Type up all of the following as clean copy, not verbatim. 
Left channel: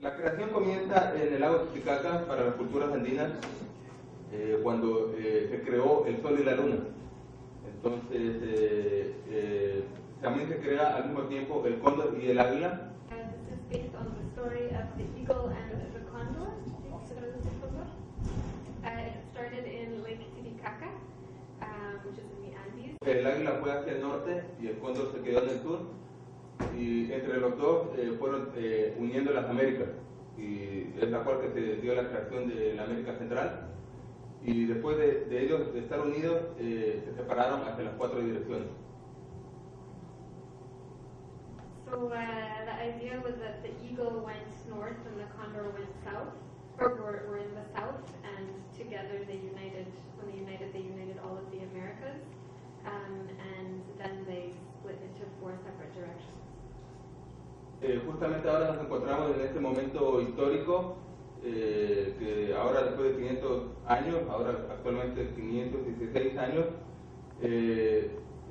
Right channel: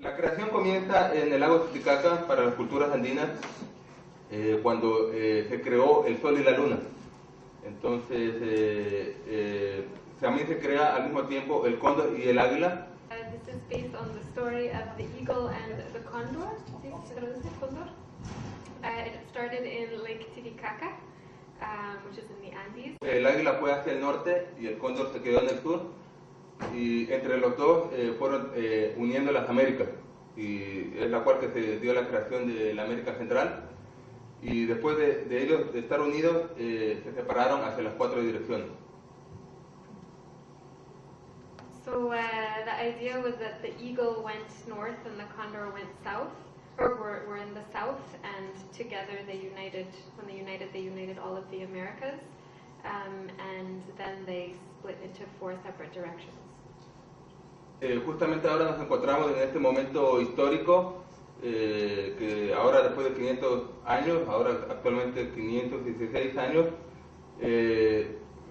La creación comienza en el lago Titicaca para las culturas andinas cuando se creó el sol y la luna. Entonces también se crea al mismo tiempo el cóndor y el águila. This is based on the story of the eagle and the condor. It started in Lake Titicaca, which is in the Andes. El águila fue hacia el norte y el cóndor se quedó en el sur. Y entre los dos fueron uniendo las Américas, y es la cual que se dio la creación de la América Central, y después de ellos de estar unidos se separaron hacia las 4 direcciones. So the idea was that the eagle went north and the condor went south, or were in the south, and together they united. When they united all of the Americas, and then they split into 4 separate directions. Justamente ahora nos encontramos en este momento histórico, que ahora después de 500 años, ahora actualmente 516 años,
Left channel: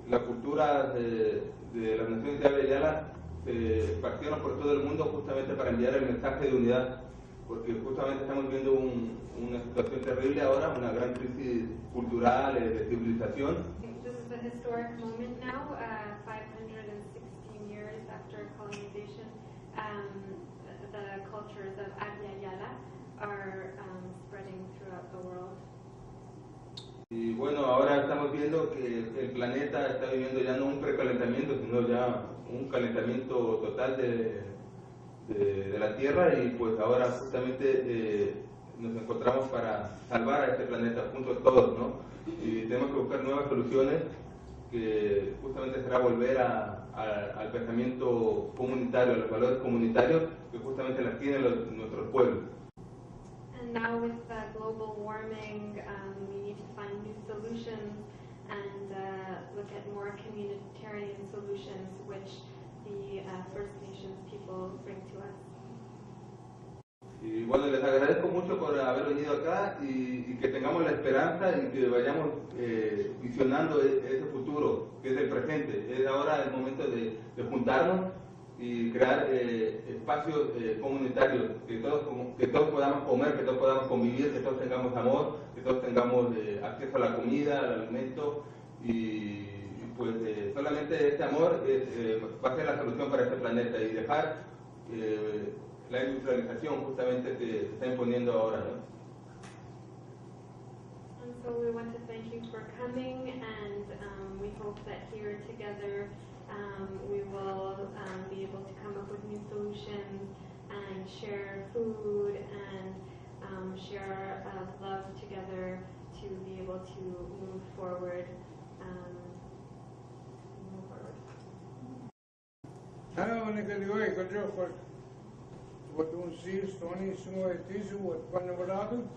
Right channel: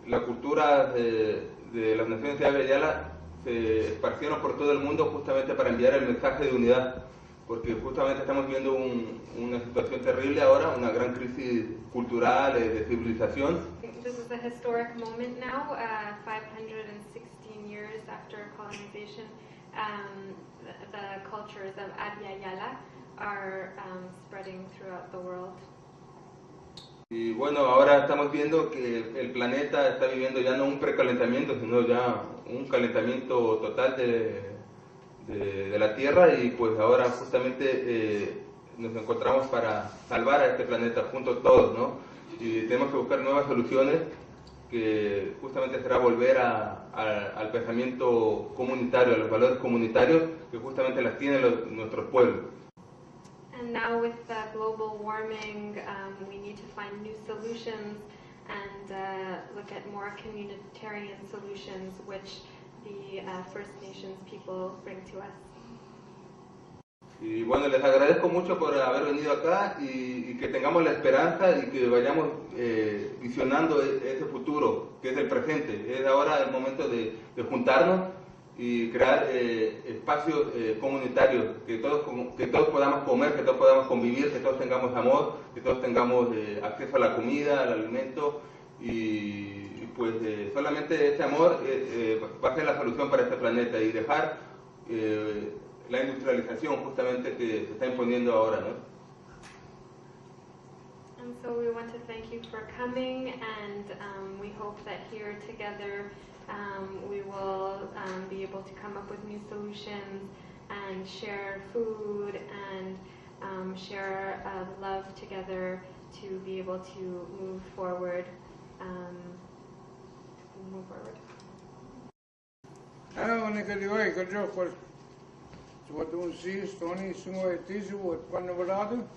la cultura de las naciones de Yala se esparcieron por todo el mundo justamente para enviar el mensaje de unidad, porque justamente estamos viendo una situación terrible ahora, una gran crisis cultural, de civilización. This is a historic moment now, 516 years after colonization. The cultures of Yala are spreading throughout the world. Y bueno, ahora estamos viendo que el planeta está viviendo ya no un precalentamiento, sino ya un calentamiento total de la Tierra, y pues ahora justamente nos encontramos para salvar a este planeta juntos todos, ¿no? Y tenemos que buscar nuevas soluciones, que justamente será volver al pensamiento comunitario, a los valores comunitarios que justamente las tienen nuestros pueblos. And now with global warming, we need to find new solutions and look at more communitarian solutions, which the First Nations people bring to us. Y bueno, les agradezco mucho por haber venido acá, y que tengamos la esperanza y que vayamos visionando ese futuro, que es el presente. Es ahora el momento de juntarnos y crear espacios comunitarios, que todos podamos comer, que todos podamos convivir, que todos tengamos amor, que todos tengamos acceso a la comida, al alimento, y pues solamente ese amor va a ser la solución para este planeta, y dejar la industrialización justamente que se está imponiendo ahora, ¿no? And so we want to thank you for coming, and we hope that here together we will be able to come up with new solutions and share food and share love together to be able to move forward. What un sis Tony sumo etisu what panavado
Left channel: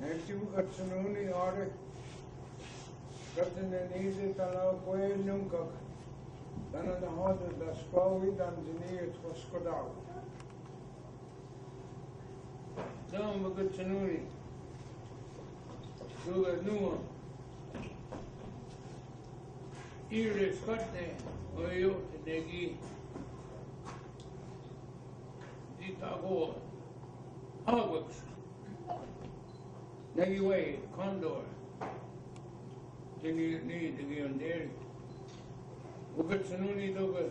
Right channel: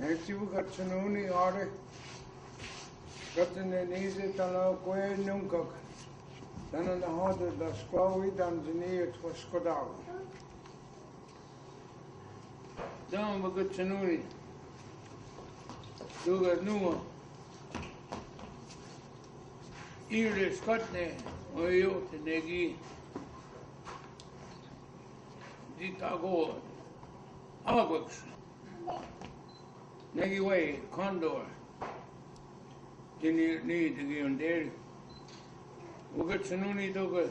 netivu gatsununi are gatne nise tala koe nunca dan na hodo da squawi dan dini et skodal dan gatsununi duga nuo ire skotne oyo tedegi Ditago, Mohawk, Negiway, Condor, Didn't need to be on there. We got Sununi to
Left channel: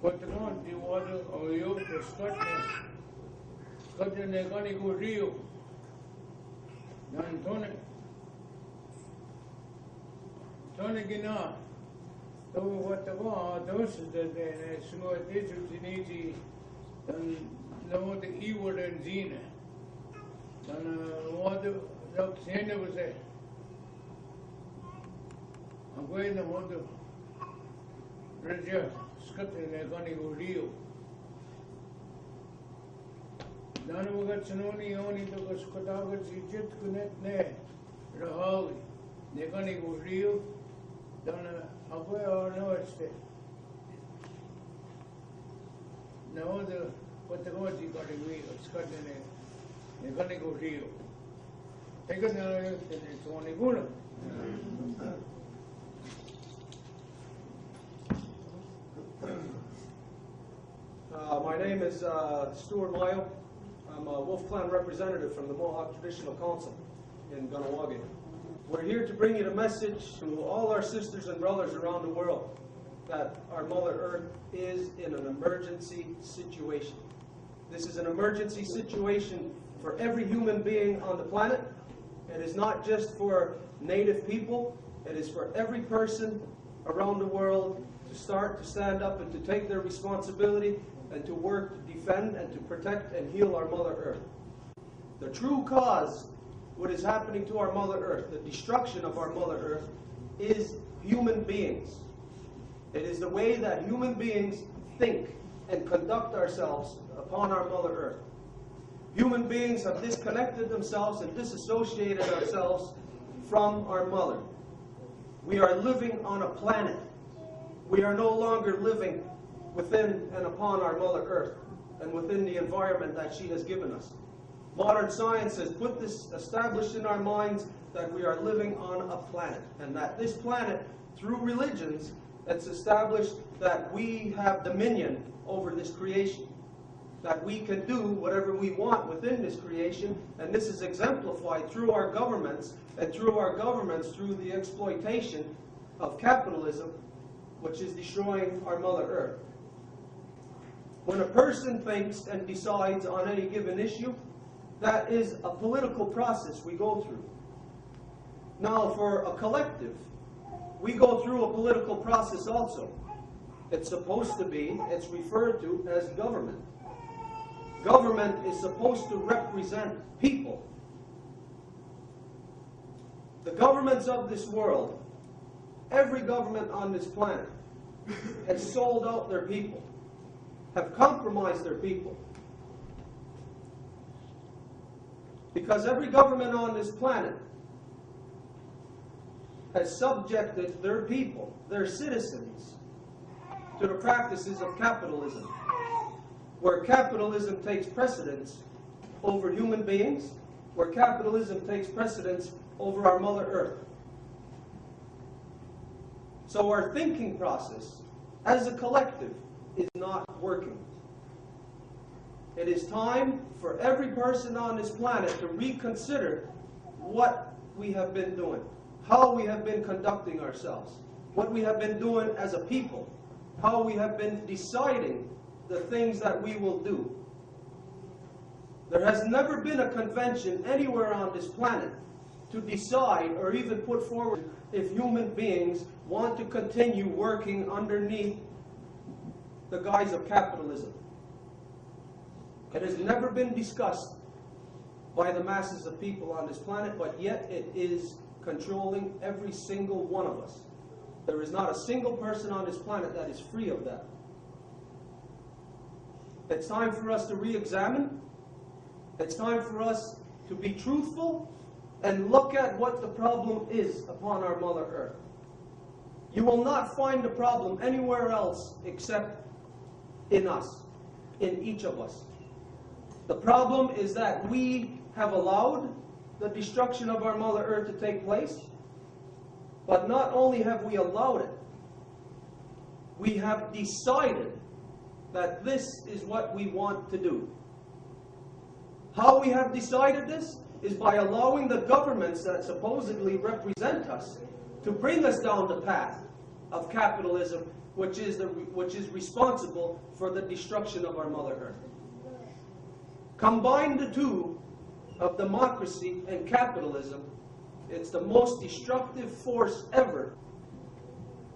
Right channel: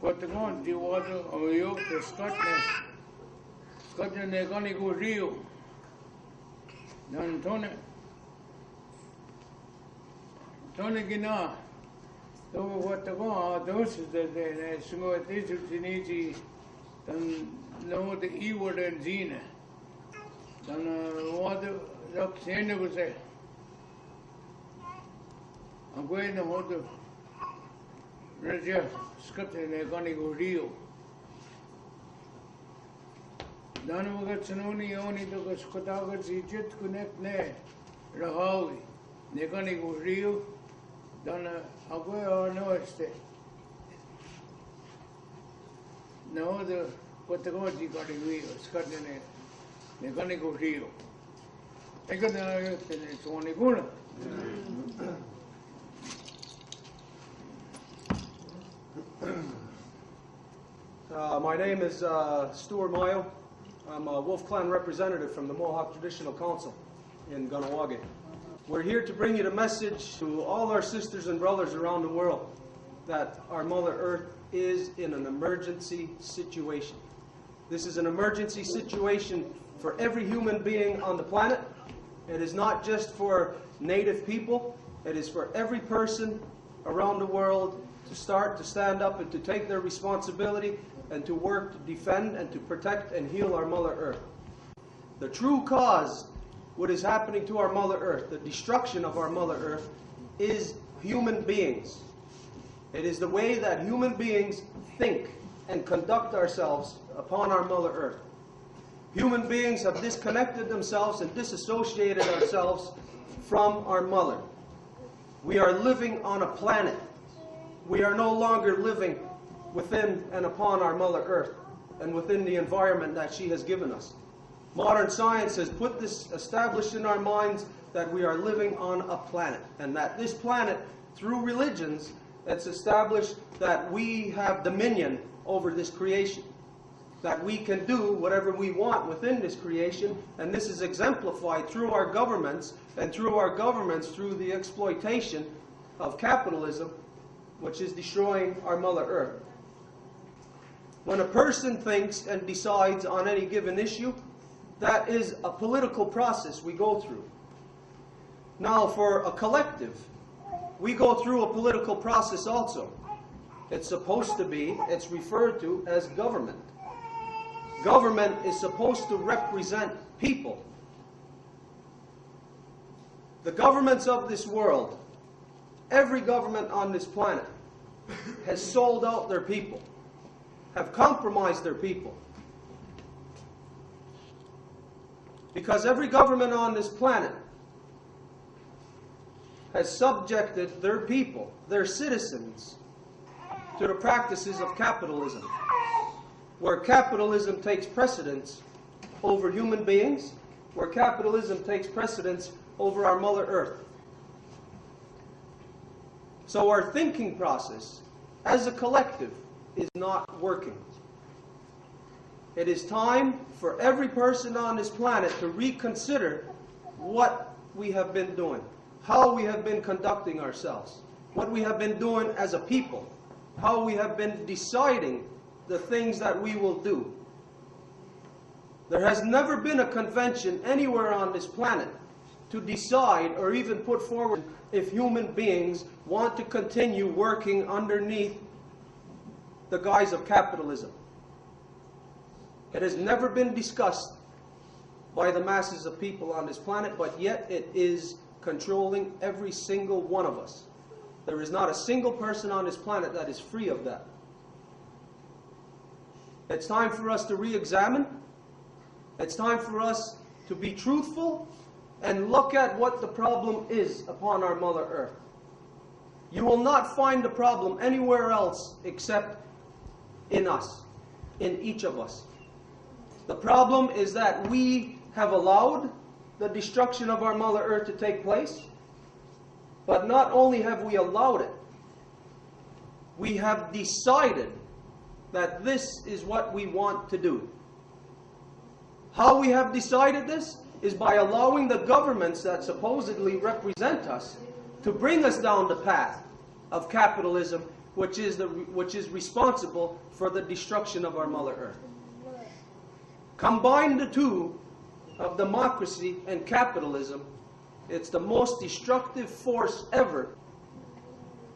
what the gun, the water of you, the Scotland, they're going to go Rio. Then Tony Gina, so what the gun, those is the small digital. Dan no the E-word and Zina. Dan what the Sena was say. I'm going to hold the Raja Scott and they're going to go Rio. Dan we got Sunoni only to go Scotagas Egypt connect there. Rahawi. They're going to go Rio. Dan I'll go on no stay. No, the what the God you got in Rio, Scotland, they're going to go Rio. They're going to go. My name is Stuart Mayo. I'm a Wolf Clan representative from the Mohawk Traditional Council in Kahnawake. We're here to bring you the message to all our sisters and brothers around the world that our Mother Earth is in an emergency situation. This is an emergency situation for every human being on the planet. It is not just for Native people. It is for every person around the world to start to stand up and to take their responsibility and to work to defend and to protect and heal our Mother Earth. The true cause, what is happening to our Mother Earth, the destruction of our Mother Earth, is human beings. It is the way that human beings think and conduct ourselves upon our Mother Earth. Human beings have disconnected themselves and disassociated ourselves from our Mother. We are living on a planet. We are no longer living within and upon our Mother Earth and within the environment that she has given us. Modern science has put this, established in our minds that we are living on a planet, and that this planet, through religions, it's established that we have dominion over this creation, that we can do whatever we want within this creation, and this is exemplified through our governments, and through our governments through the exploitation of capitalism, which is destroying our Mother Earth. When a person thinks and decides on any given issue, that is a political process we go through. Now, for a collective, we go through a political process also. It's supposed to be, it's referred to as government. Government is supposed to represent people. The governments of this world, every government on this planet, has sold out their people, have compromised their people. Because every government on this planet has subjected their people, their citizens, to the practices of capitalism, where capitalism takes precedence over human beings, where capitalism takes precedence over our Mother Earth. So our thinking process, as a collective, is not working. It is time for every person on this planet to reconsider what we have been doing, how we have been conducting ourselves, what we have been doing as a people, how we have been deciding the things that we will do. There has never been a convention anywhere on this planet to decide or even put forward if human beings want to continue working underneath the guise of capitalism. It has never been discussed by the masses of people on this planet, but yet it is controlling every single one of us. There is not a single person on this planet that is free of that. It's time for us to re-examine. It's time for us to be truthful and look at what the problem is upon our Mother Earth. You will not find the problem anywhere else except in us, in each of us. The problem is that we have allowed the destruction of our Mother Earth to take place, but not only have we allowed it, we have decided that this is what we want to do. How we have decided this is by allowing the governments that supposedly represent us to bring us down the path of capitalism, which is responsible for the destruction of our Mother Earth. Combine the two of democracy and capitalism, it's the most destructive force ever.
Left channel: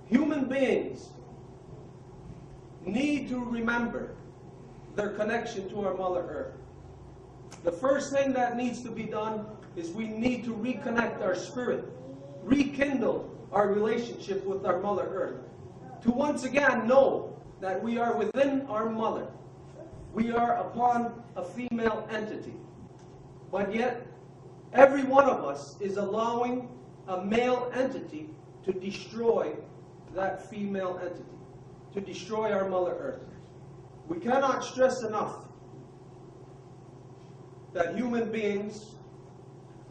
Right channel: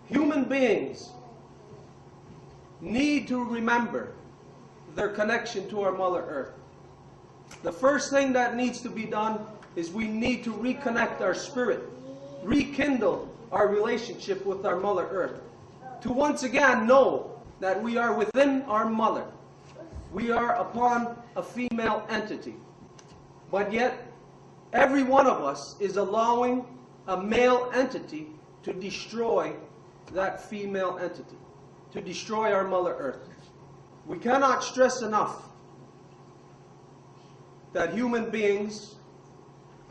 Human beings need to remember their connection to our Mother Earth. The first thing that needs to be done is we need to reconnect our spirit, rekindle our relationship with our Mother Earth, to once again know that we are within our Mother. We are upon a female entity. But yet, every one of us is allowing a male entity to destroy that female entity, to destroy our Mother Earth. We cannot stress enough that human beings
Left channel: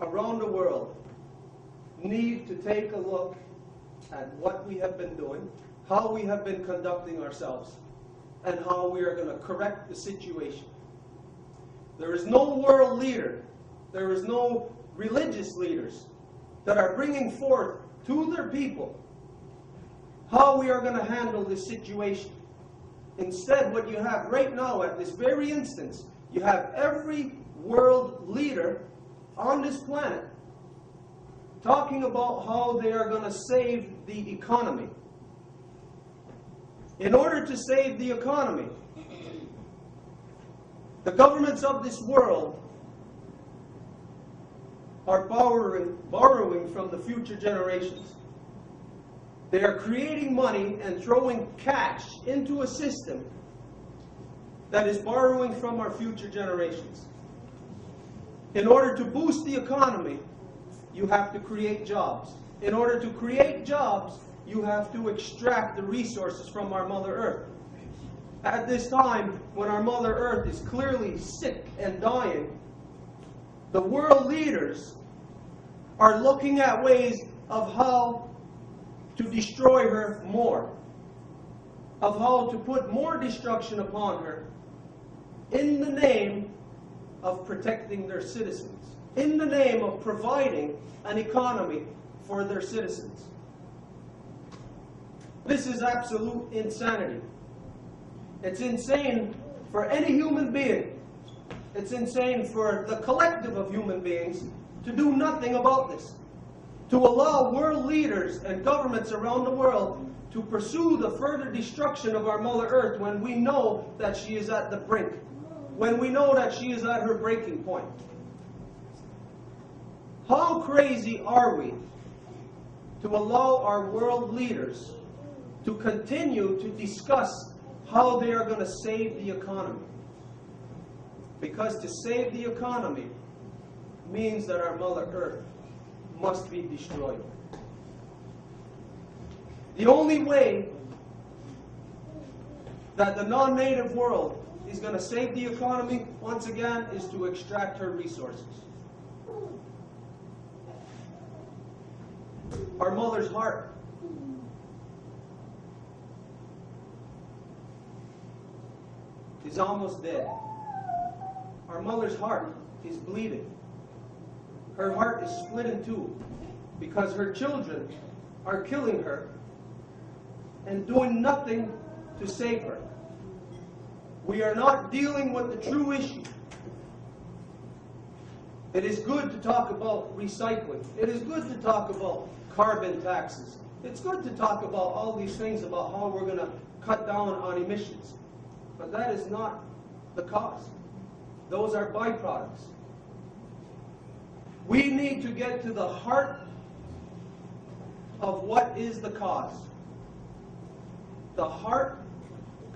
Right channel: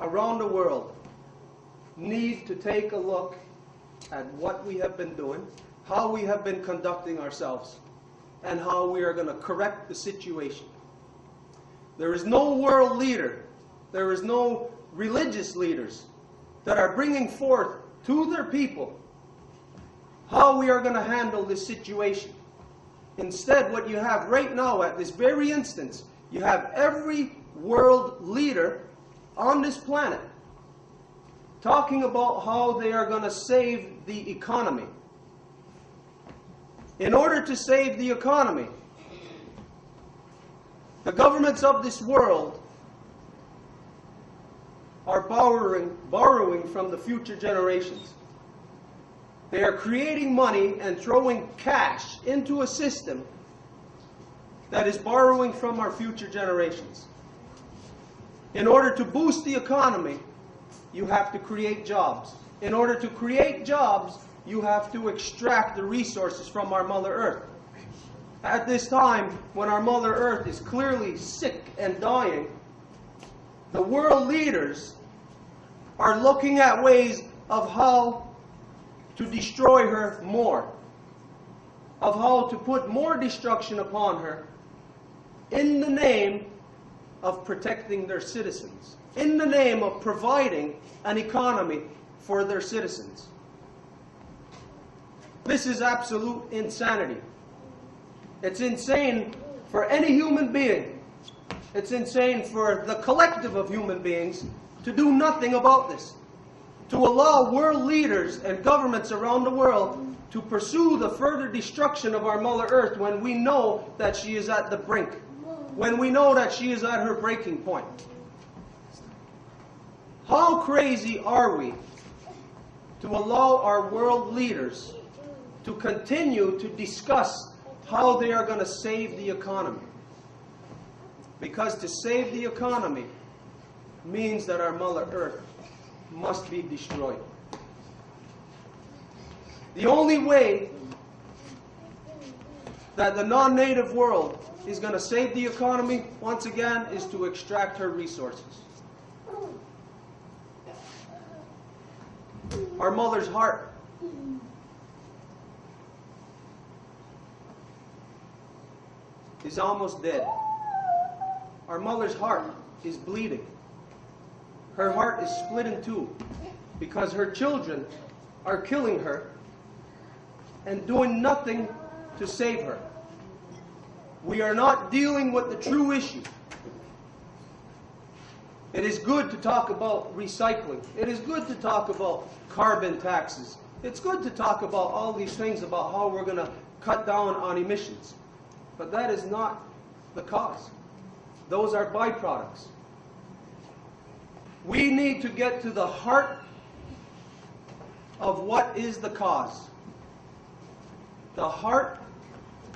around the world need to take a look at what we have been doing, how we have been conducting ourselves. and how we are going to correct the situation. There is no world leader, there is no religious leaders that are bringing forth to their people how we are going to handle this situation. Instead, what you have right now at this very instance, you have every world leader on this planet talking about how they are going to save the economy. In order to save the economy, the governments of this world are borrowing from the future generations. They are creating money and throwing cash into a system that is borrowing from our future generations. In order to boost the economy, you have to create jobs. In order to create jobs, you have to extract the resources from our Mother Earth. At this time, when our Mother Earth is clearly sick and dying, the world leaders are looking at ways of how to destroy her more, of how to put more destruction upon her in the name of protecting their citizens, in the name of providing an economy for their citizens. This is absolute insanity. It's insane for any human being. It's insane for the collective of human beings to do nothing about this. To allow world leaders and governments around the world to pursue the further destruction of our Mother Earth when we know that she is at the brink, when we know that she is at her breaking point. How crazy are we to allow our world leaders to continue to discuss how they are going to save the economy? Because to save the economy means that our Mother Earth must be destroyed. The only way that the non-native world is going to save the economy, once again, is to extract her resources. Our mother's heart is almost dead. Our mother's heart is bleeding. Her heart is split in two because her children are killing her and doing nothing to save her. We are not dealing with the true issue. It is good to talk about recycling. It is good to talk about carbon taxes. It's good to talk about all these things about how we're going to cut down on emissions. But that is not the cause. Those are byproducts. We need to get to the heart of what is the cause. The heart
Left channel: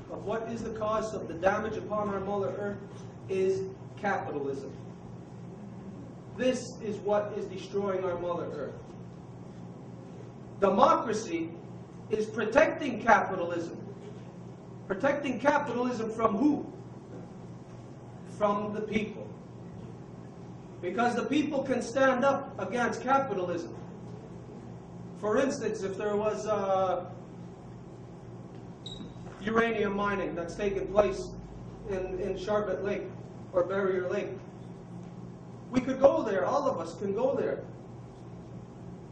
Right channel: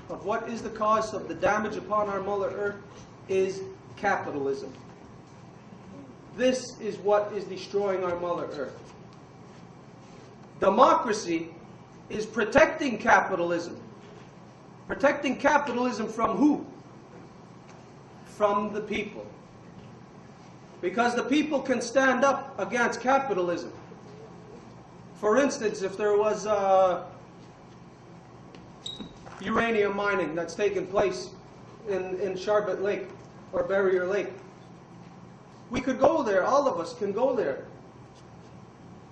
of what is the cause of the damage upon our Mother Earth is capitalism. This is what is destroying our Mother Earth. Democracy is protecting capitalism. Protecting capitalism from who? From the people. Because the people can stand up against capitalism. For instance, if there was uranium mining that's taken place in Charbet Lake or Barrier Lake, we could go there, all of us can go there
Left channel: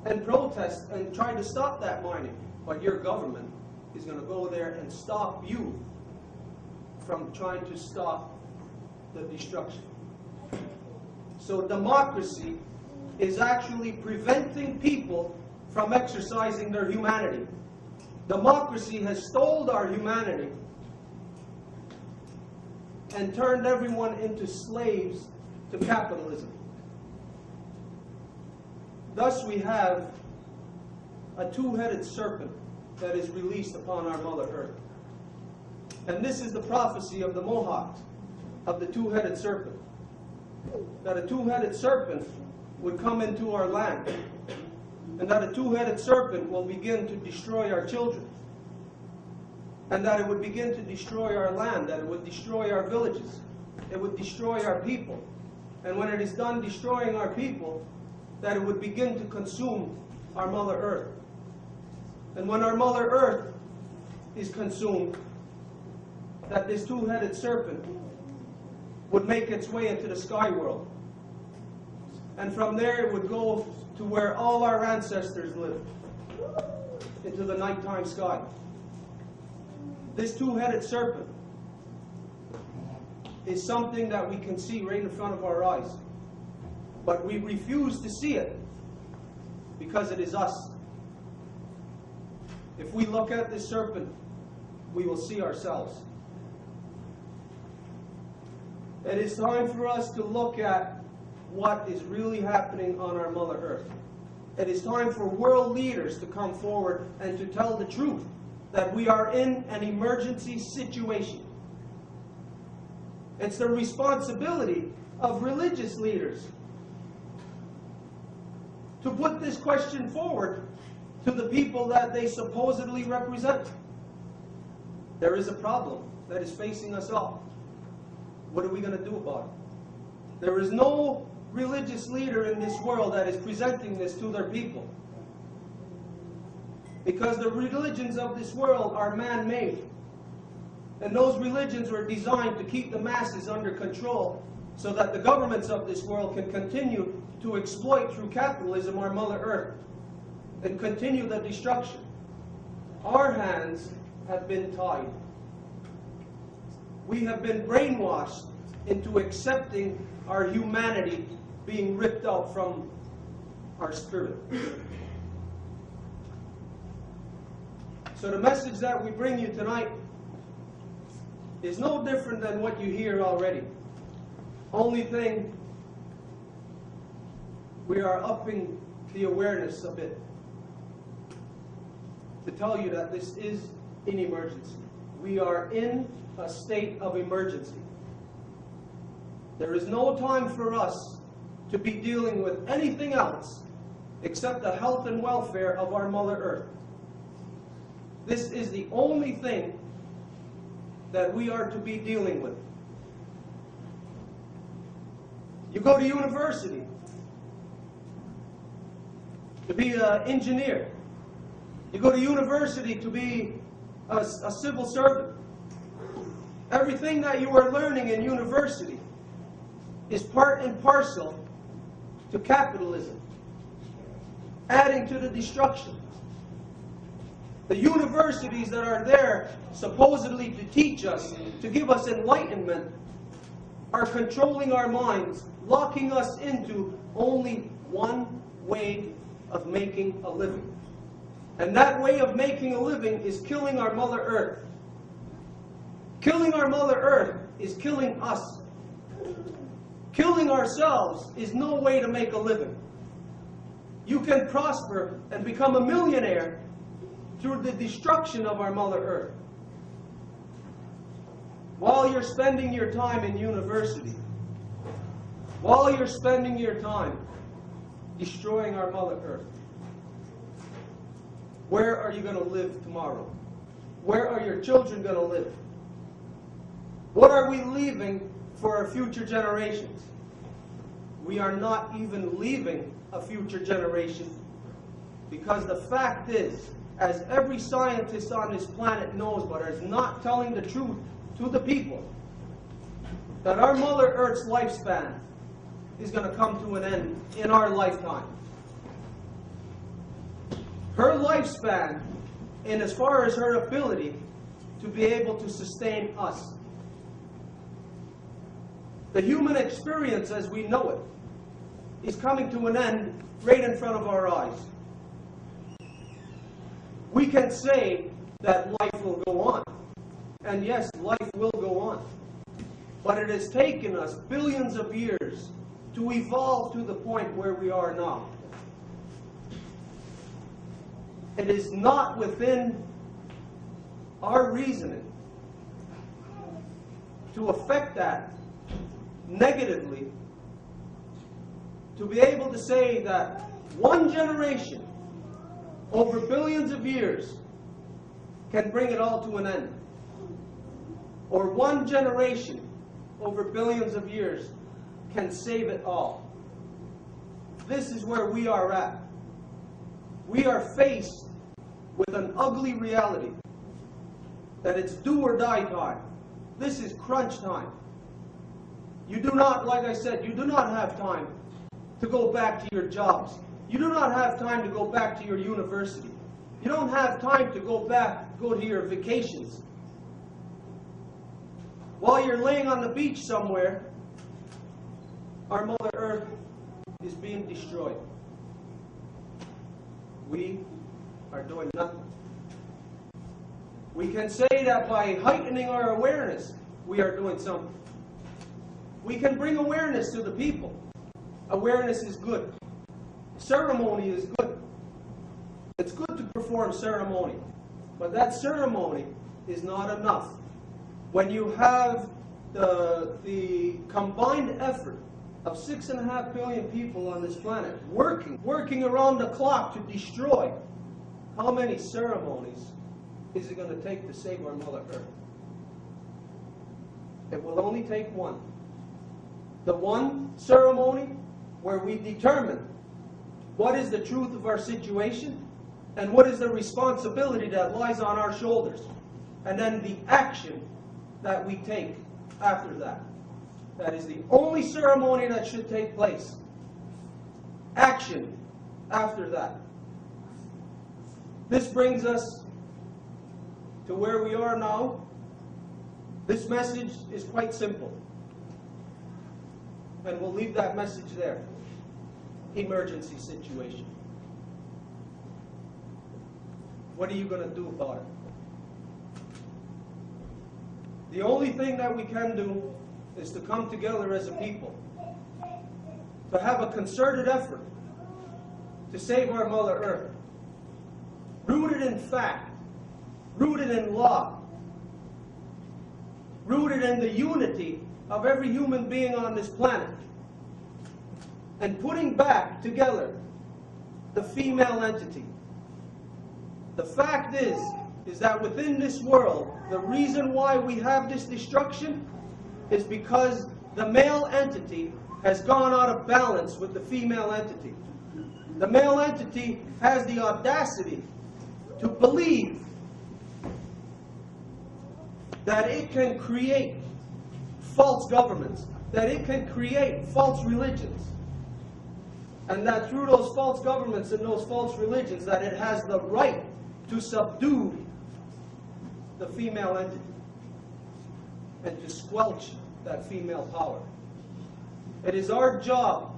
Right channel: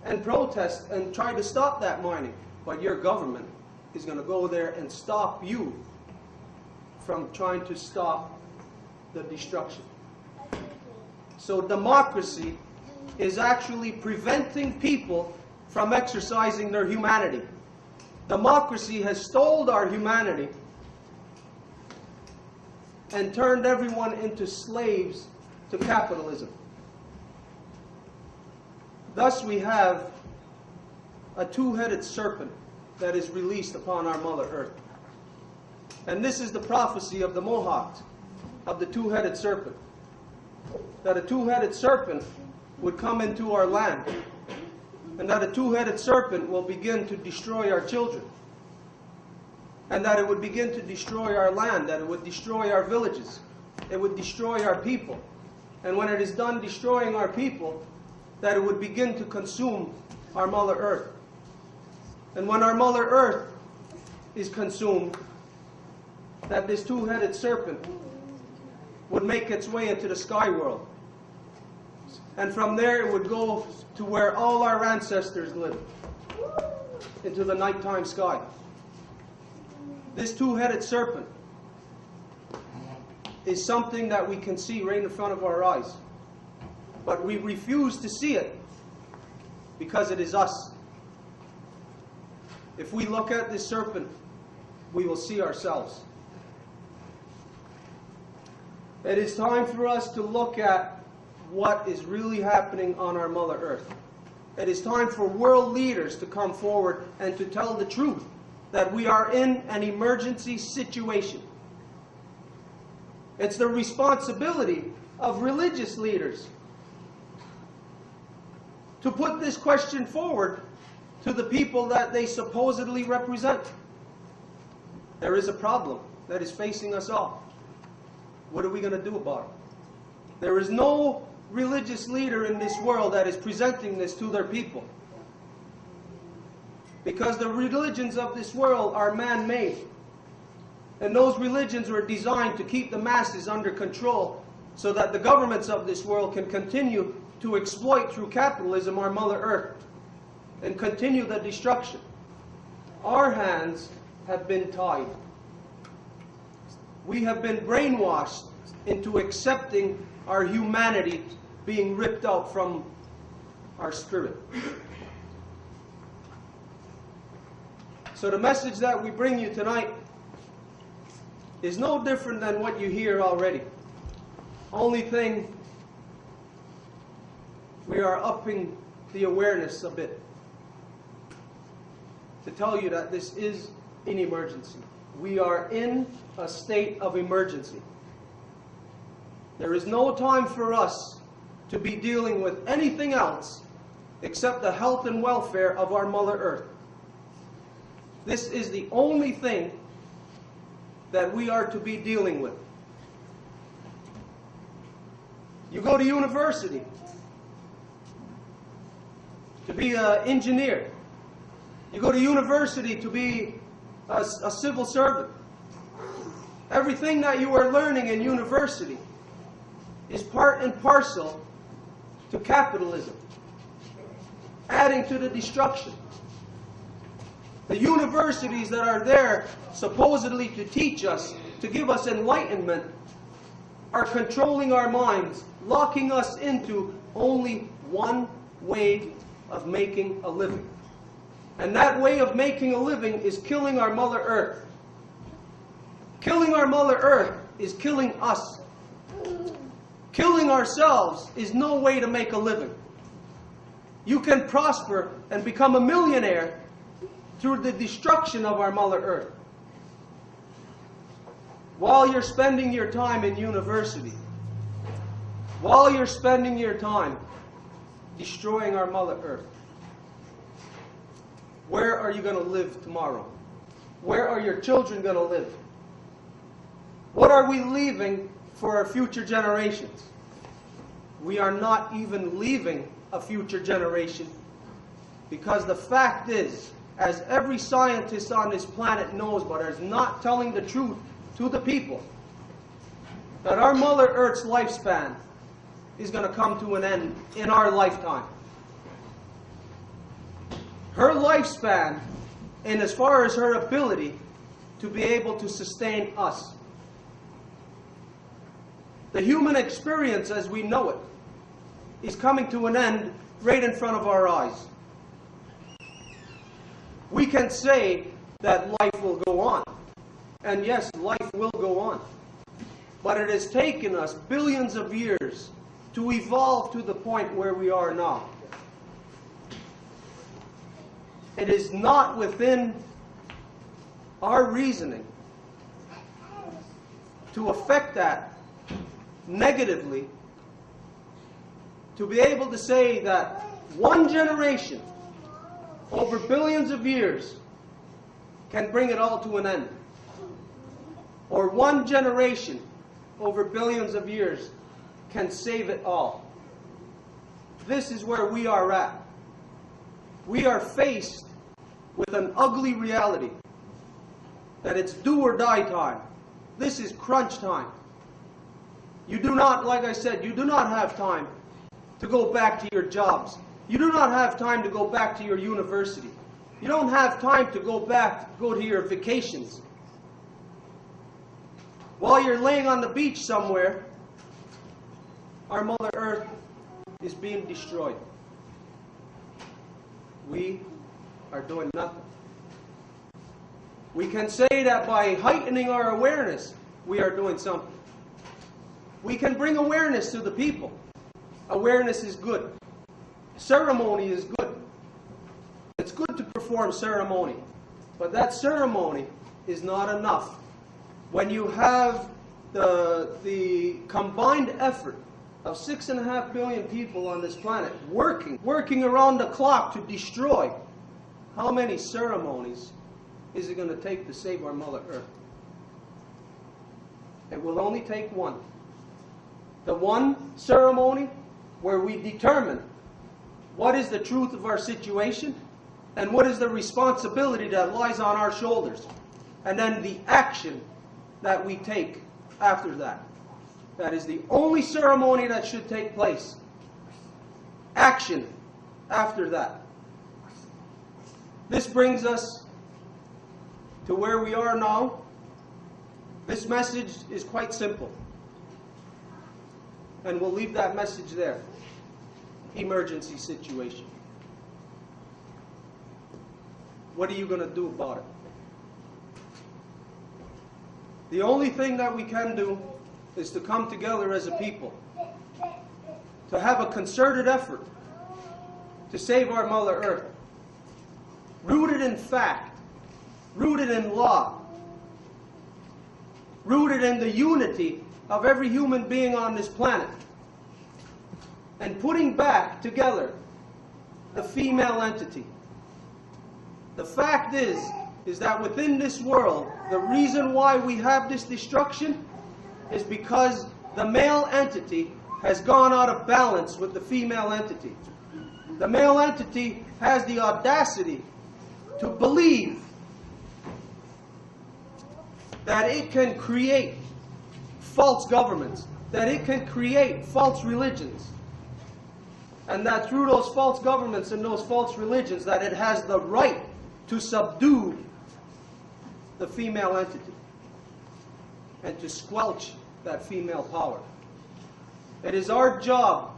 and protest and try to stop that mining. But your government is going to go there and stop you from trying to stop the destruction. So democracy is actually preventing people from exercising their humanity. Democracy has stole our humanity and turned everyone into slaves to capitalism. Thus we have a two-headed serpent that is released upon our Mother Earth. And this is the prophecy of the Mohawk, of the two-headed serpent. That a two-headed serpent would come into our land, and that a two-headed serpent will begin to destroy our children, and that it would begin to destroy our land, that it would destroy our villages, it would destroy our people, and when it is done destroying our people, that it would begin to consume our Mother Earth. And when our Mother Earth is consumed, that this two-headed serpent would make its way into the sky world. And from there it would go to where all our ancestors lived, into the nighttime sky. This two-headed serpent is something that we can see right in front of our eyes. But we refuse to see it because it is us. If we look at this serpent, we will see ourselves. It is time for us to look at what is really happening on our Mother Earth. It is time for world leaders to come forward and to tell the truth that we are in an emergency situation. It's the responsibility of religious leaders to put this question forward to the people that they supposedly represent. There is a problem that is facing us all. What are we going to do about it? There is no religious leader in this world that is presenting this to their people. Because the religions of this world are man-made. And those religions were designed to keep the masses under control so that the governments of this world can continue to exploit through capitalism our Mother Earth and continue the destruction. Our hands have been tied. We have been brainwashed into accepting our humanity being ripped out from our spirit. So the message that we bring you tonight is no different than what you hear already. Only thing, we are upping the awareness a bit to tell you that this is an emergency. We are in a state of emergency. There is no time for us to be dealing with anything else except the health and welfare of our Mother Earth. This is the only thing that we are to be dealing with. You go to university to be an engineer. You go to university to be a civil servant. Everything that you are learning in university is part and parcel to capitalism, adding to the destruction. The universities that are there supposedly to teach us, to give us enlightenment, are controlling our minds, locking us into only one way of making a living. And that way of making a living is killing our Mother Earth. Killing our Mother Earth is killing us. Killing ourselves is no way to make a living. You can prosper and become a millionaire through the destruction of our Mother Earth. While you're spending your time in university, while you're spending your time destroying our Mother Earth, where are you going to live tomorrow? Where are your children going to live? What are we leaving for our future generations? We are not even leaving a future generation, because the fact is, as every scientist on this planet knows but is not telling the truth to the people, that our Mother Earth's lifespan is going to come to an end in our lifetime. Her lifespan, and as far as her ability to be able to sustain us. The human experience as we know it is coming to an end right in front of our eyes. We can say that life will go on. And yes, life will go on. But it has taken us billions of years to evolve to the point where we are now. It is not within our reasoning to affect that negatively, to be able to say that one generation over billions of years can bring it all to an end. Or one generation over billions of years can save it all. This is where we are at. We are faced with an ugly reality that it's do or die time. This is crunch time. You do not, like I said, you do not have time to go back to your jobs. You do not have time to go back to your university. You don't have time to go to your vacations. While you're laying on the beach somewhere, our Mother Earth is being destroyed. We are doing nothing. We can say that by heightening our awareness, we are doing something. We can bring awareness to the people. Awareness is good. Ceremony is good. It's good to perform ceremony. But that ceremony is not enough. When you have the combined effort of 6.5 billion people on this planet working around the clock to destroy, how many ceremonies is it going to take to save our Mother Earth? It will only take one. The one ceremony where we determine what is the truth of our situation and what is the responsibility that lies on our shoulders, and then the action that we take after that. That is the only ceremony that should take place. Action after that. This brings us to where we are now. This message is quite simple. And we'll leave that message there. Emergency situation. What are you going to do about it? The only thing that we can do is to come together as a people, to have a concerted effort to save our Mother Earth, rooted in fact, rooted in law, rooted in the unity of every human being on this planet, and putting back together the female entity. The fact is that within this world, the reason why we have this destruction is because the male entity has gone out of balance with the female entity. The male entity has the audacity to believe that it can create false governments, that it can create false religions, and that through those false governments and those false religions that it has the right to subdue the female entity and to squelch that female power. It is our job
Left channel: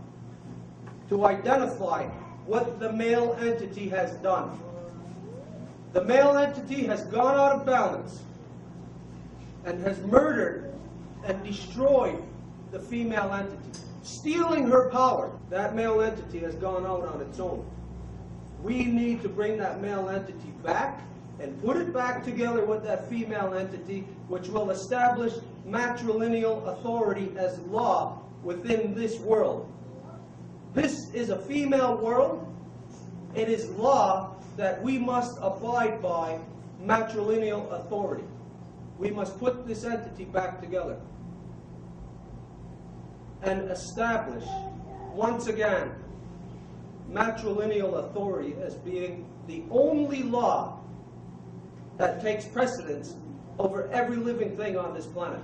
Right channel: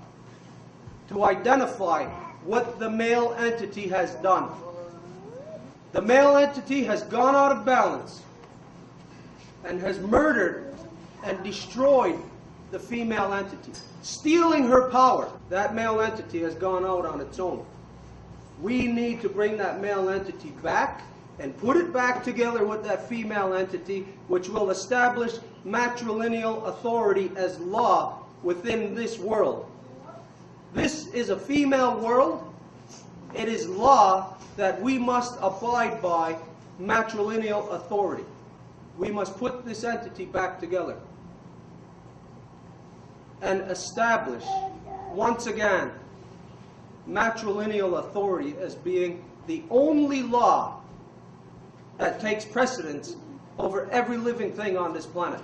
to identify what the male entity has done. The male entity has gone out of balance and has murdered and destroyed the female entity, stealing her power. That male entity has gone out on its own. We need to bring that male entity back and put it back together with that female entity, which will establish matrilineal authority as law within this world. This is a female world. It is law that we must abide by matrilineal authority. We must put this entity back together and establish, once again, matrilineal authority as being the only law that takes precedence over every living thing on this planet.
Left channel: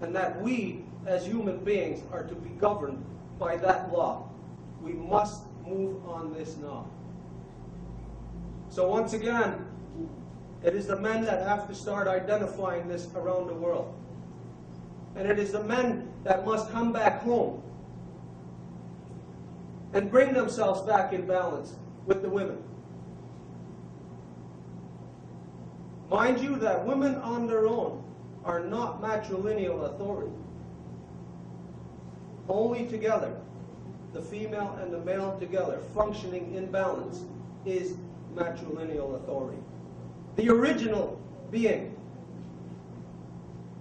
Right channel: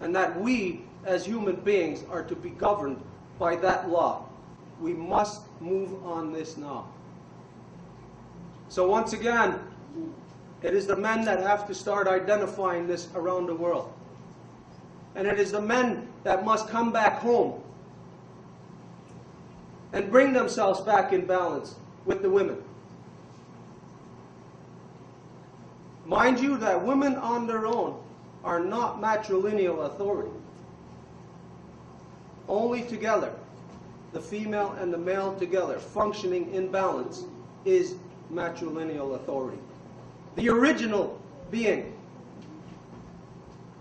And that we, as human beings, are to be governed by that law. We must move on this now. So once again, it is the men that have to start identifying this around the world. And it is the men that must come back home and bring themselves back in balance with the women. Mind you that women on their own are not matrilineal authority. Only together, the female and the male together, functioning in balance, is matrilineal authority. The original being,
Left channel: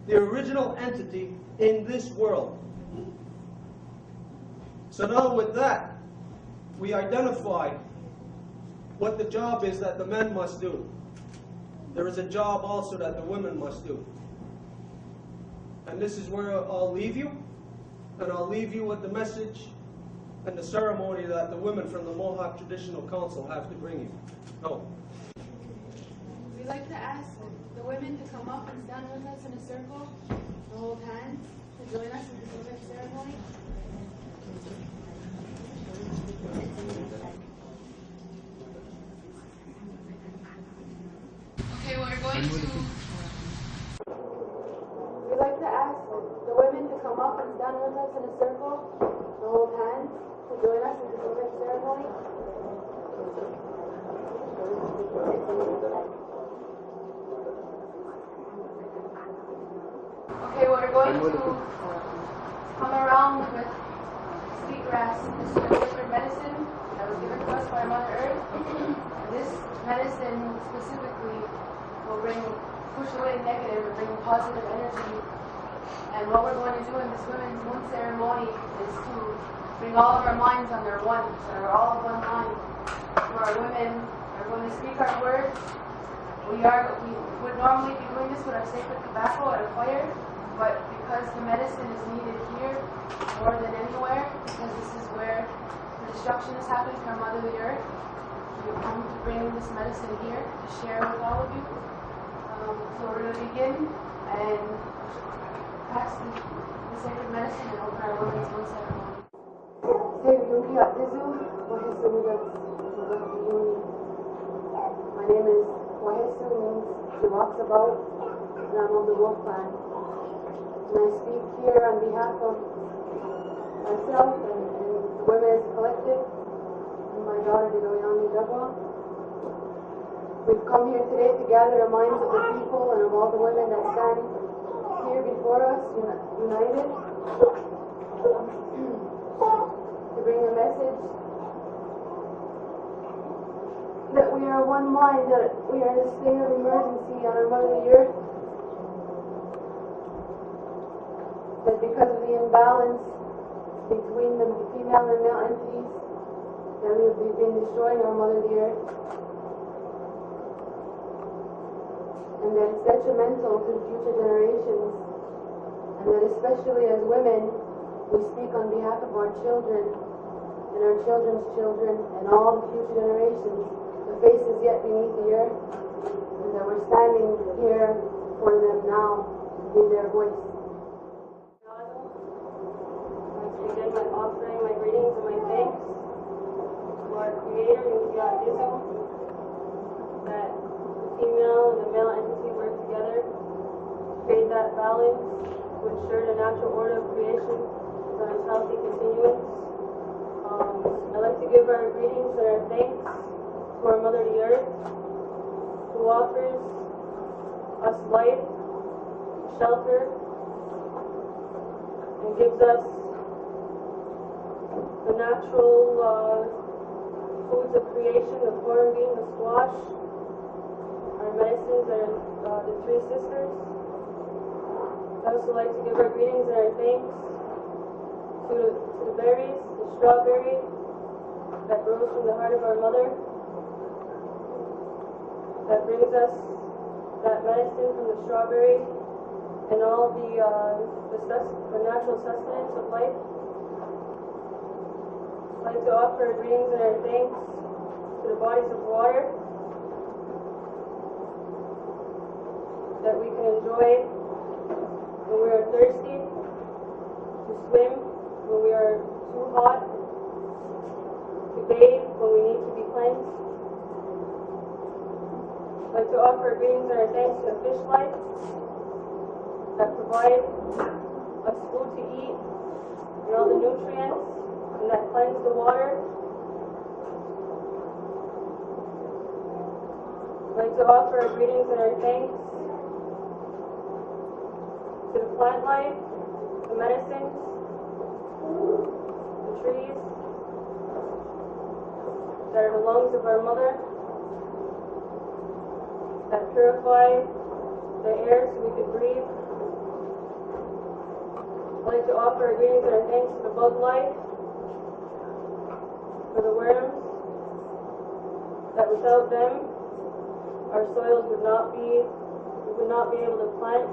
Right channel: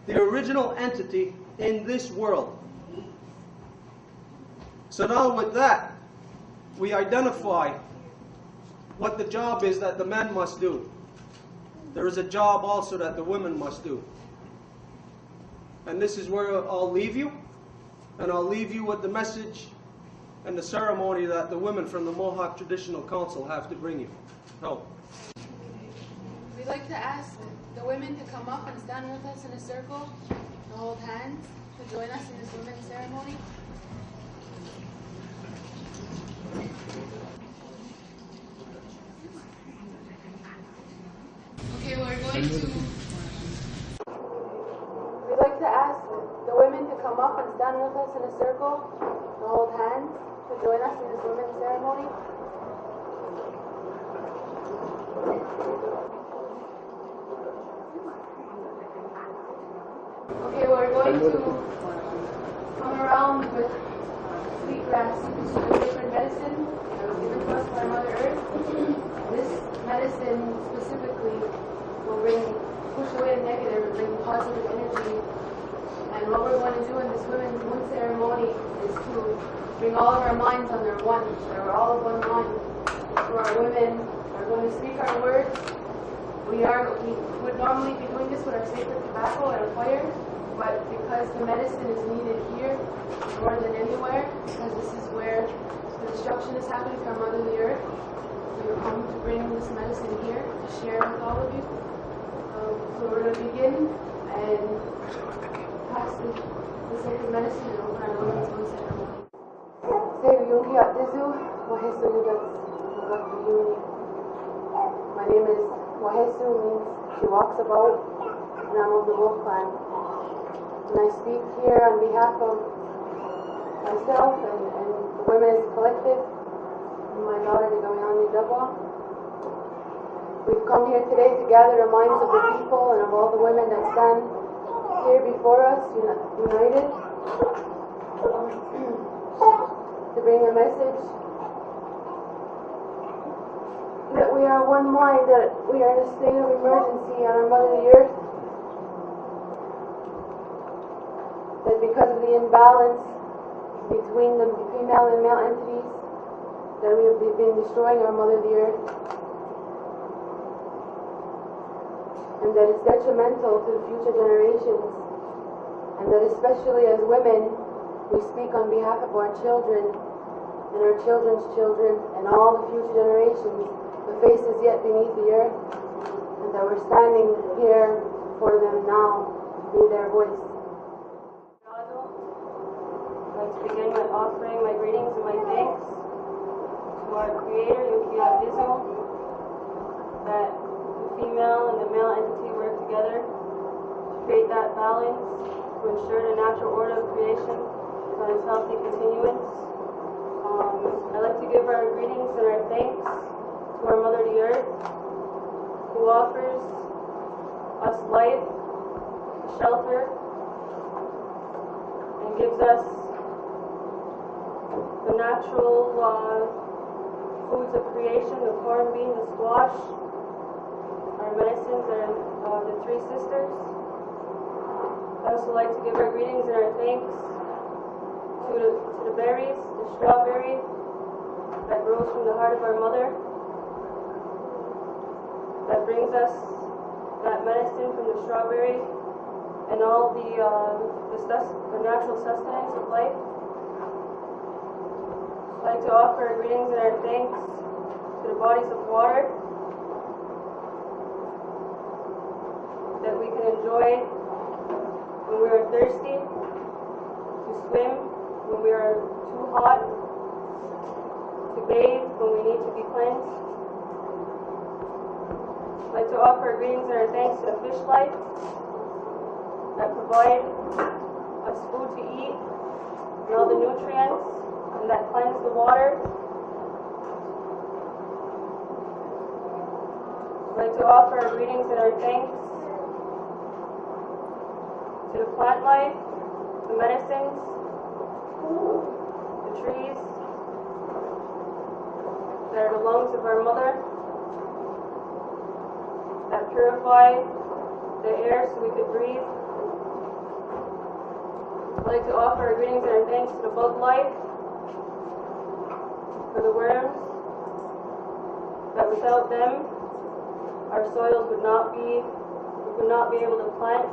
the original entity in this world. So now with that, we identify what the job is that the men must do. There is a job also that the women must do. And this is where I'll leave you. And I'll leave you with the message and the ceremony that the women from the Mohawk Traditional Council have to bring you. Oh. We'd like to ask the women to come up and stand with us in a circle and hold hands to join us in this women's ceremony. Okay, we're going to... We'd like to ask the women to come up and stand with us in a circle and hold hands to join us in this women's ceremony. Okay, we're going to come around with sweet grass. This is a sacred medicine that was given to us by Mother Earth. This medicine specifically will push away the negative and bring positive energy. And what we're going to do in this women's moon ceremony is to bring all of our minds under one, so we're all of one mind. So our women are going to speak our words. We would normally be doing this with our sacred tobacco at a fire, but because the medicine is needed here more than anywhere, because this is where the destruction is happening to our Mother the Earth, we have come to bring this medicine here to share with all of you. So we're going to begin and pass the sacred medicine and open our women's moon ceremony. My name is Wahesu, means she walks about, and I'm of the Wolf Clan. And I speak here on behalf of myself and the women's collective, and my daughter, Digawiani Dagwa. We've come here today to gather the minds of the people and of all the women that stand here before us, united, to bring a message that we are one mind, that we are in a state of emergency on our Mother the Earth, that because of the imbalance between the female and male entities, that we have been destroying our Mother the Earth, and that it's detrimental to the future generations, and that especially as women, we speak on behalf of our children and our children's children and all the future generations, the faces yet beneath the earth, and that we're standing here for them now to be their voice. I'd like to begin by offering my greetings and my thanks to our Creator, Yukiya Dizu, that the female and the male entity work together to create that balance, to ensure the natural order of creation is on its healthy continuance. I'd like to give our greetings and our thanks to our Mother the Earth, who offers us life, shelter, and gives us the natural foods of creation, the corn bean, the squash. Our medicines are the three sisters. I'd also like to give our greetings and our thanks to the berries, the strawberry that grows from the heart of our Mother, that brings us that medicine from the strawberry and all the natural sustenance of life. I'd like to offer our greetings and our thanks to the bodies of water that we can enjoy when we are thirsty, to swim when we are too hot, to bathe when we need to be cleansed. I'd like to offer greetings and our thanks to the fish life that provide us food to eat and all the nutrients and that cleanse the water. I'd like to offer our greetings and our thanks to the plant life, the medicines, the trees that are the lungs of our Mother, that purify the air so we could breathe. I'd like to offer our greetings and our thanks to the bug life, for the worms, that without them, our soils would not be able to plant.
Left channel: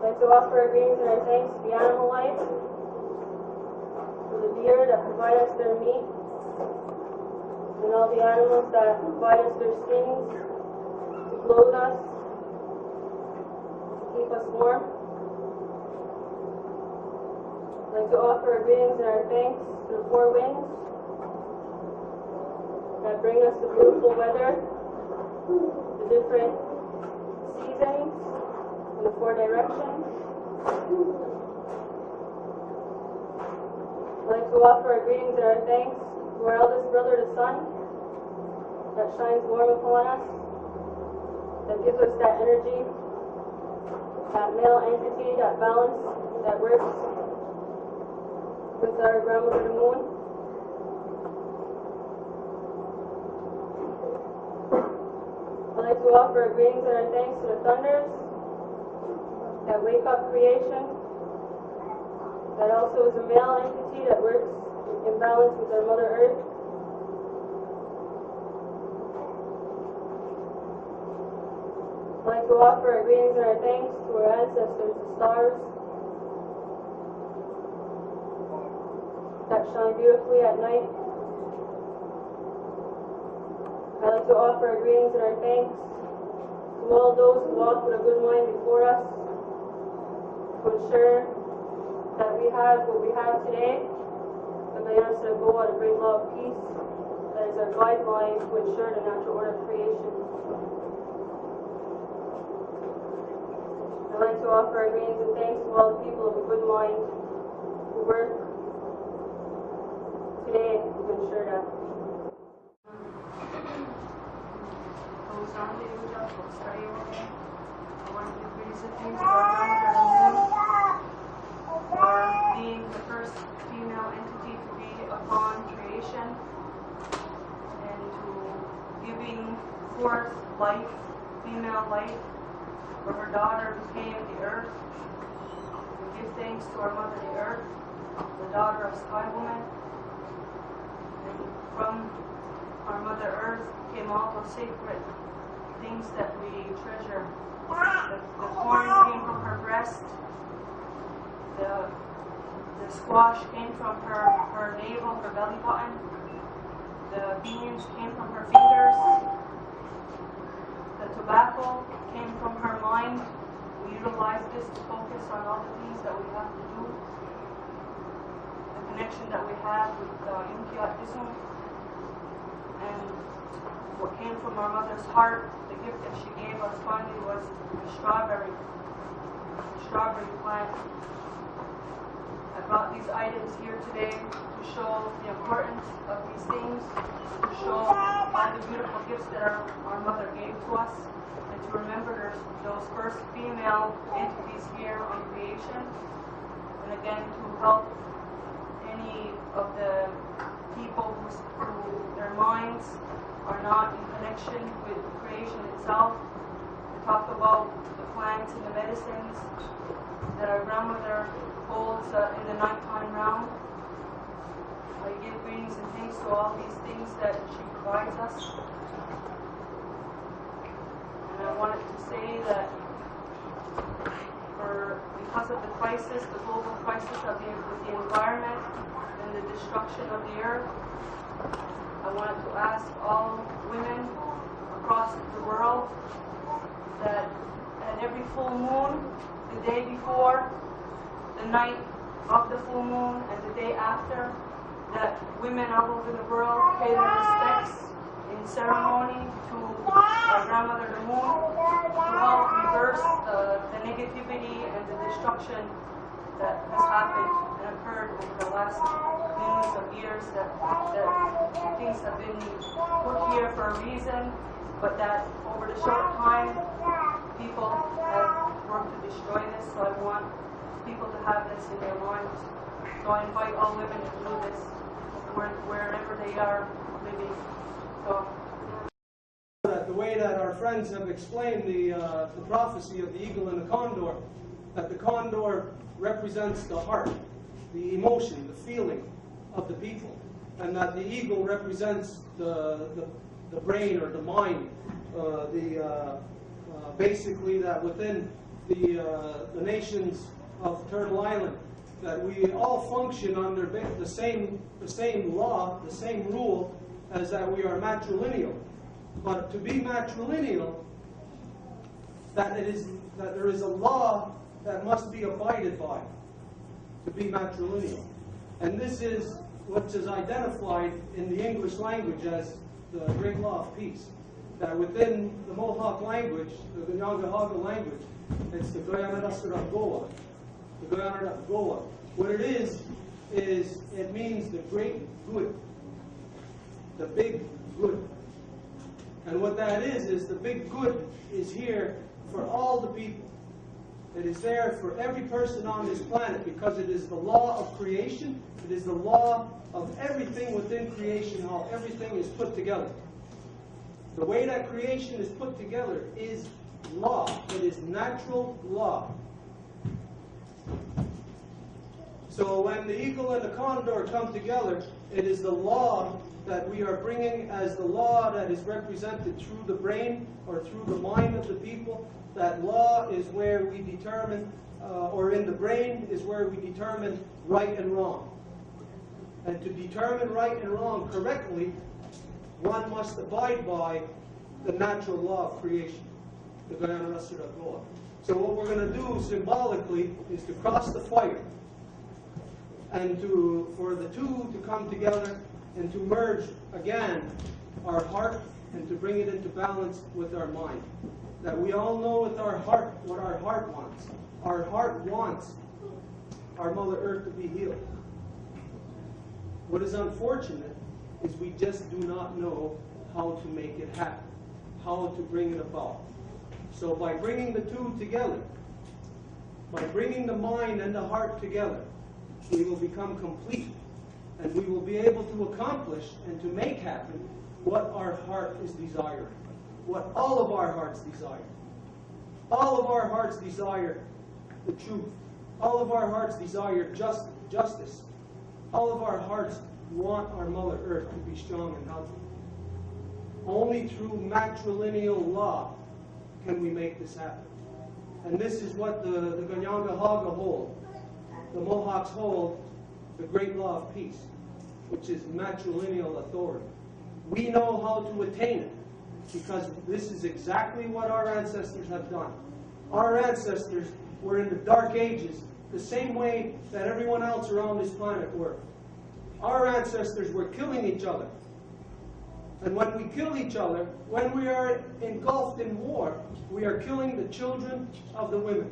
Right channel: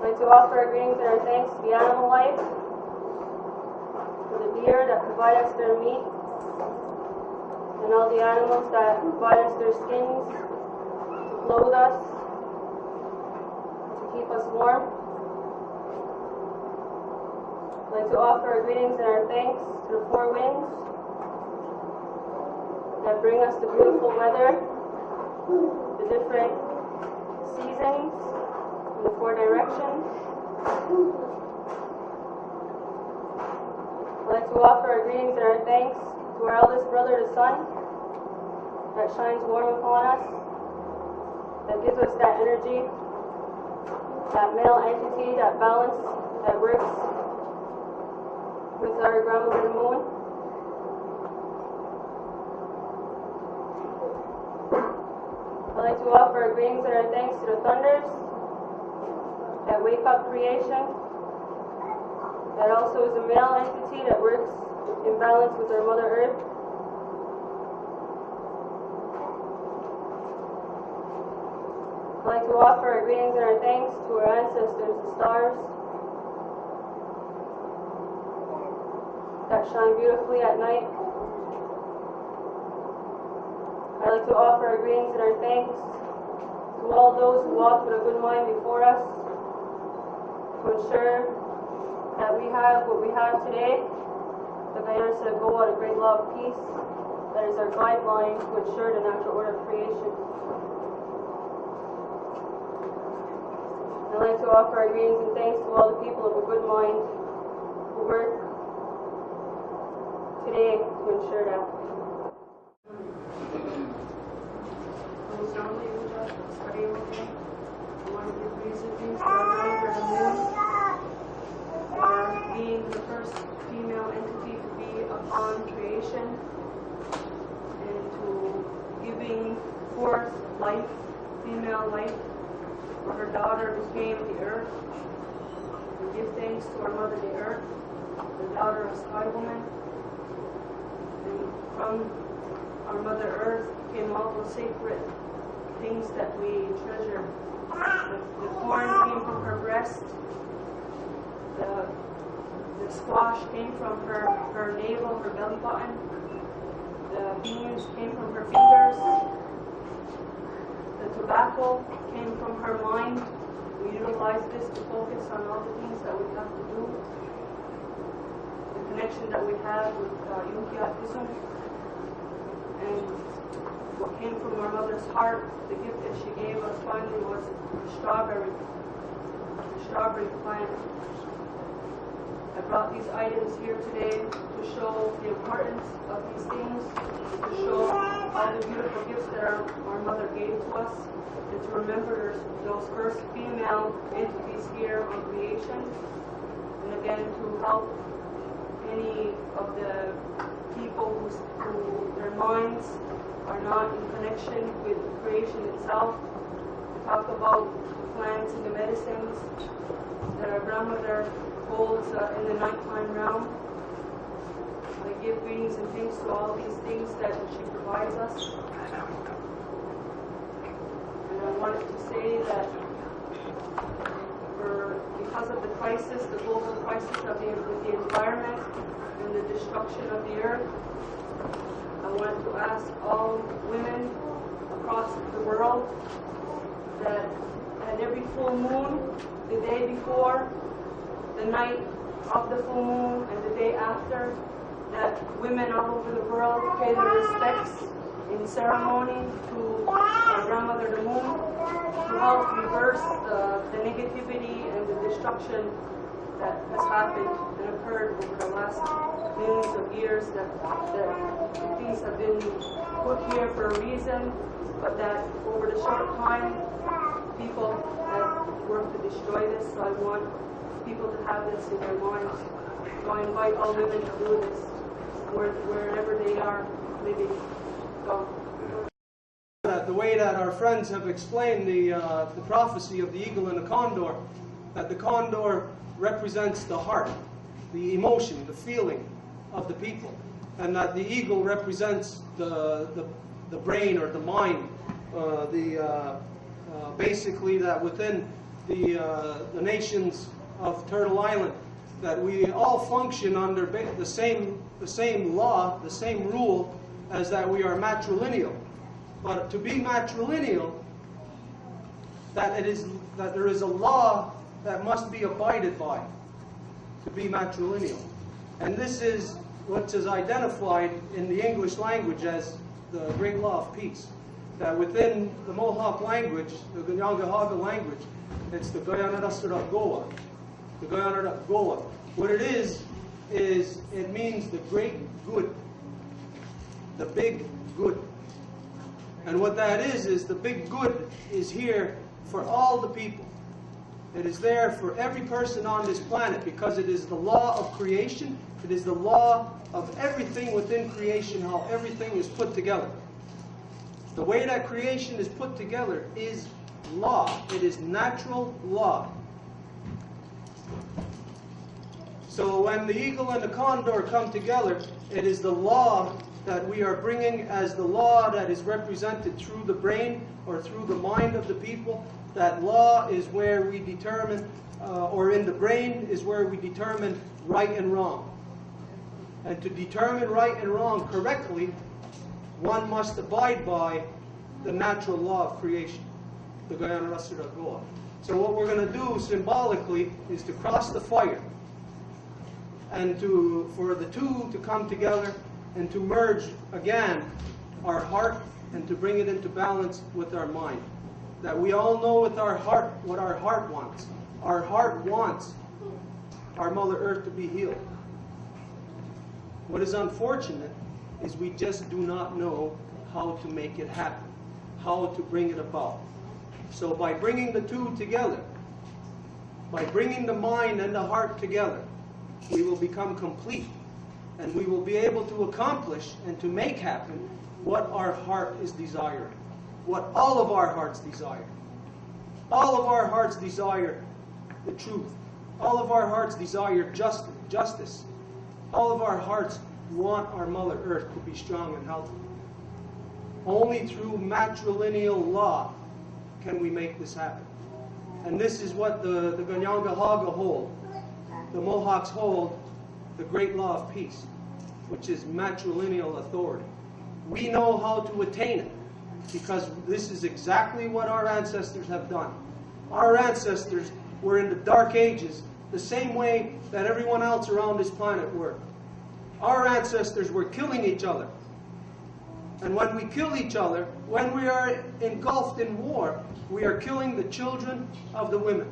I'd like to offer our greetings and our thanks to the animal life, for the deer that provide us their meat, and all the animals that provide us their skins, to clothe us, to keep us warm. I'd like to offer our greetings and our thanks to the four winds that bring us the beautiful weather, the different seasons, in the four directions. I'd like to offer our greetings and our thanks to our eldest brother, the sun, that shines warm upon us, that gives us that energy, that male entity, that balance, that works with our grandmother, the moon. I'd like to offer our greetings and our thanks to the thunders that wake up creation, that also is a male entity that works in balance with our Mother Earth. I'd like to offer our greetings and our thanks to our ancestors, the stars, that shine beautifully at night. I'd like to offer our greetings and our thanks to all those who walked with a good mind before us, to ensure that we have what we have today. The Mayor said, go out of great love, peace. That is our guideline to ensure the natural order of creation. I'd like to offer our greetings and thanks to all the people of a good mind who work today to ensure that. I want to give reason things to our grandmother, the moon, for being the first female entity to be upon creation and to giving forth life, female life, where her daughter became the earth. We give thanks to our mother, the earth, the daughter of Sky Woman. And from our Mother Earth came all those sacred things that we treasure. The corn came from her breast. The squash came from her navel, her belly button. The beans came from her fingers. The tobacco came from her mind. We utilize this to focus on all the things that we have to do. The connection that we have with Yunkiatism. And what came from our mother's heart, the gift that she gave us finally was the strawberry plant. I brought these items here today to show the importance of these things, to show all the beautiful gifts that our mother gave to us, and to remember those first female entities here on creation, and again to help any of the people who their minds are not in connection with creation itself. We talk about the plants and the medicines that our grandmother holds in the nighttime realm. I give greetings and thanks to all these things that she provides us. And I wanted to say that because of the crisis, the global crisis with the environment and the destruction of the earth, I wanted to ask all women across the world that at every full moon, the day before, the night of the full moon, and the day after, that women all over the world pay their respects in ceremony to our grandmother the moon, to help reverse the negativity and the destruction that has happened and occurred over the last millions of years, that things have been put here for a reason, but that over the short time, people have worked to destroy this. So I want people to have this in their minds. So I invite all women to do this wherever they are living. So the way that our friends have explained the prophecy of the eagle and the condor, that the condor represents the heart, the emotion, the feeling of the people, and that the eagle represents the brain or the mind, basically that within the nations of Turtle Island, that we all function under the same law, the same rule as that we are matrilineal. But to be matrilineal, that there is a law that must be abided by to be matrilineal. And this is what is identified in the English language as the great law of peace. That within the Mohawk language, the Kahnawake language, it's the Goyanarasuragoa. The Goyanaragoa. What it is it means the great good. The big good. And what that is the big good is here for all the people. It is there for every person on this planet because it is the law of creation. It is the law of everything within creation, how everything is put together. The way that creation is put together is law. It is natural law. So when the eagle and the condor come together, it is the law that we are bringing as the law that is represented through the brain or through the mind of the people. That law is where we determine, or in the brain is where we determine right and wrong. And to determine right and wrong correctly, one must abide by the natural law of creation, the Goyanarasuragoa. So what we're going to do symbolically is to cross the fire and for the two to come together and to merge again our heart and to bring it into balance with our mind. That we all know with our heart what our heart wants. Our heart wants our Mother Earth to be healed. What is unfortunate is we just do not know how to make it happen, how to bring it about. So by bringing the two together, by bringing the mind and the heart together, we will become complete, and we will be able to accomplish and to make happen what our heart is desiring, what all of our hearts desire. All of our hearts desire the truth. All of our hearts desire justice. All of our hearts want our Mother Earth to be strong and healthy. Only through matrilineal law can we make this happen. And this is what the Kahnawake hold, the Mohawks hold, the great law of peace, which is matrilineal authority. We know how to attain it because this is exactly what our ancestors have done. Our ancestors were in the Dark Ages the same way that everyone else around this planet were. Our ancestors were killing each other. And when we kill each other, when we are engulfed in war, we are killing the children of the women.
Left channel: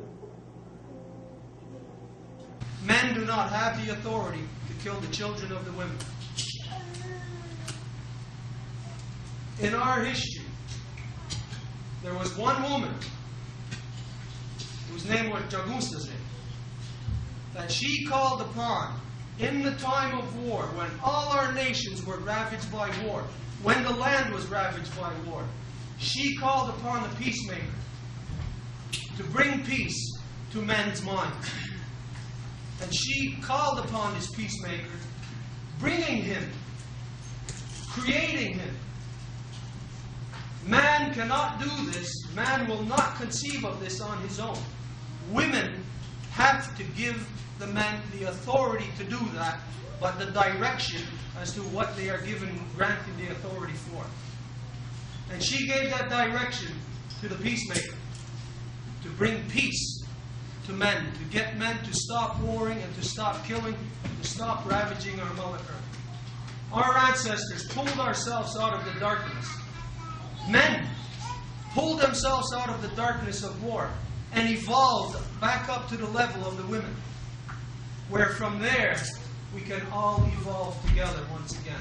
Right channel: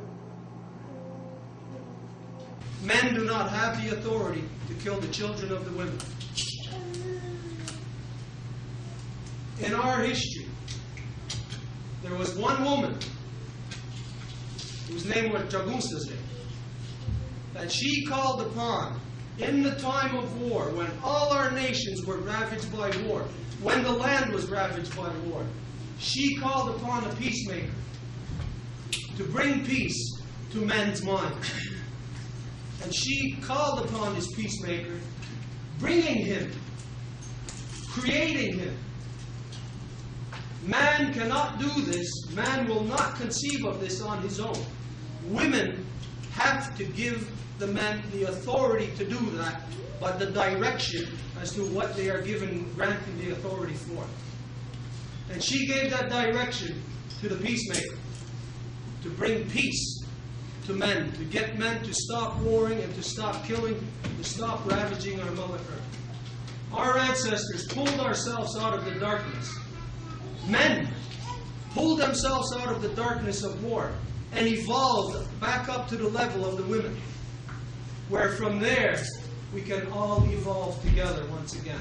Men do not have the authority to kill the children of the women. In our history, there was one woman whose name was Jagunsaze, that she called upon in the time of war, when all our nations were ravaged by war, when the land was ravaged by war. She called upon a peacemaker to bring peace to men's minds. And she called upon this peacemaker, bringing him, creating him. Man cannot do this. Man will not conceive of this on his own. Women have to give the men the authority to do that, but the direction as to what they are given, granting the authority for. And she gave that direction to the peacemaker, to bring peace to men, to get men to stop warring and to stop killing, to stop ravaging our Mother Earth. Our ancestors pulled ourselves out of the darkness. Men pulled themselves out of the darkness of war and evolved back up to the level of the women, where from there we can all evolve together once again.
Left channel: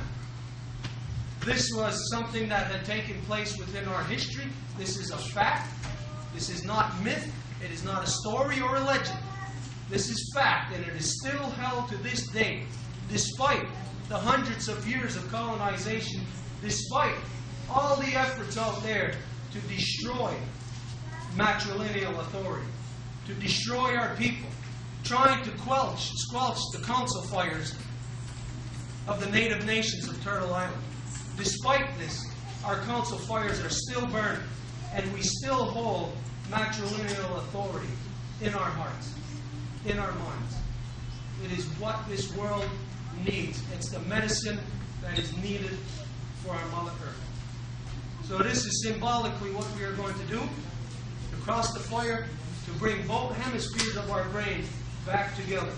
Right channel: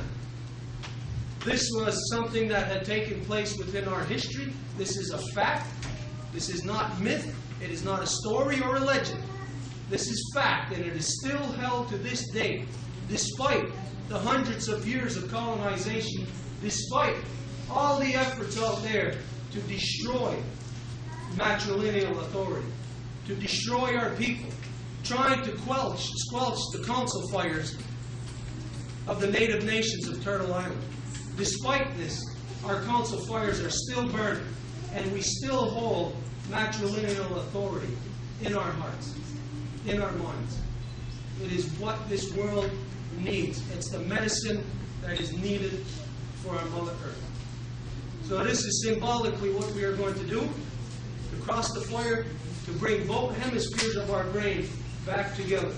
This was something that had taken place within our history. This is a fact. This is not myth. It is not a story or a legend. This is fact, and it is still held to this day, despite the hundreds of years of colonization, despite all the efforts out there to destroy matrilineal authority, to destroy our people, trying to squelch the council fires of the native nations of Turtle Island. Despite this, our council fires are still burning, and we still hold matrilineal authority in our hearts, in our minds. It is what this world needs. It's the medicine that is needed for our Mother Earth. So this is symbolically what we are going to do, to cross the fire, to bring both hemispheres of our brain back together.